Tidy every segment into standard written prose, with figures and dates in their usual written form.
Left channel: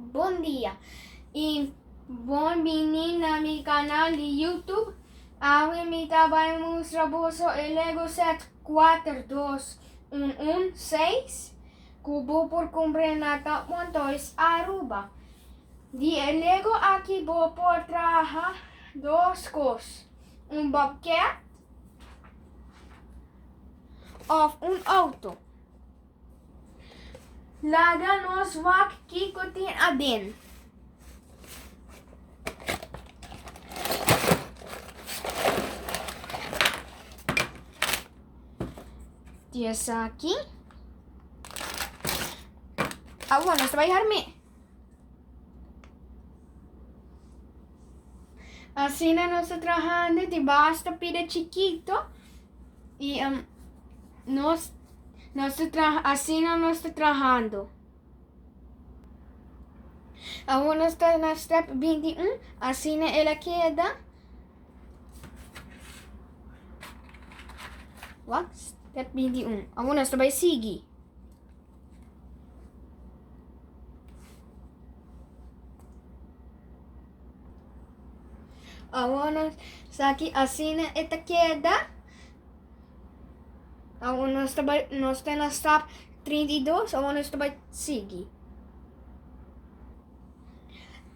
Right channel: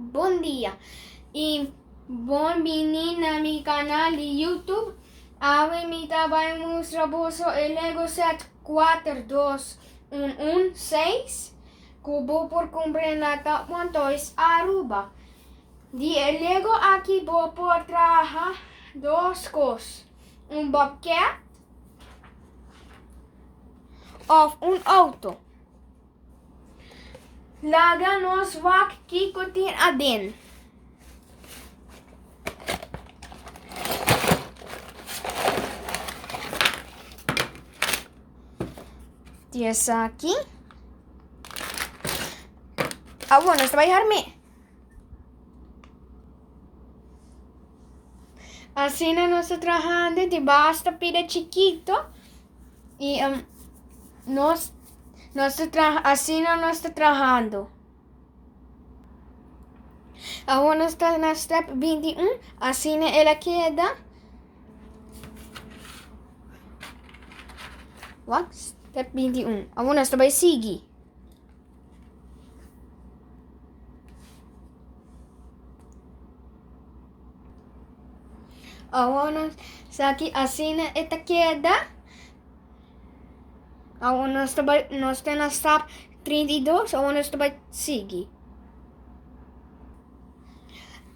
Bom dia e bem-vindo na meu canal de YouTube. Hoje me trabalho mostrar o Lego Set 42116 cubo por comprar pontos Aruba. De Lego aqui vou por trabalhar duas coisas, bobcat ou auto. Laga nos wak kikotin adin. Essa aqui. Bueno, esto va a dejarme. Assim nós estamos trabajando de basta pira chiquito e nós assim nós estamos trabalhando. Agora está na step 21, assim ela queda. What? Step 21. Agora está vai seguir. Agora está aqui assim esta queda. Agora nós estamos na step 32, agora está vai seguir.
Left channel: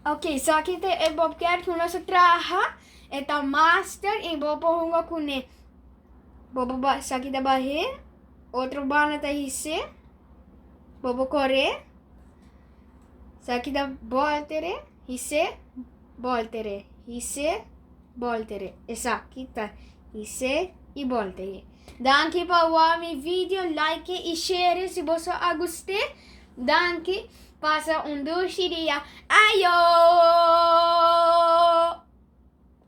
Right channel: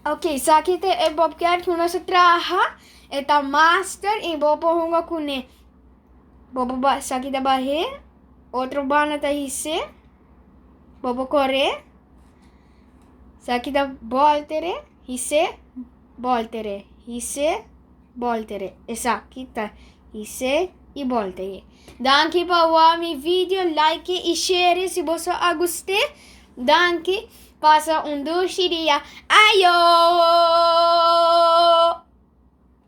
Ok, so aqui tem o bobcat que nós trabalha, é master e bobo hunga kune. Bobo ba sa kita bahe, outro bana ta hisse, bobo kore, sa kita voltere, hisse, voltere, hisse, voltere. Esa kita hisse e voltere. Danke pa mi video, like e share se você gostou. Danke, passa doce dia. Ayo!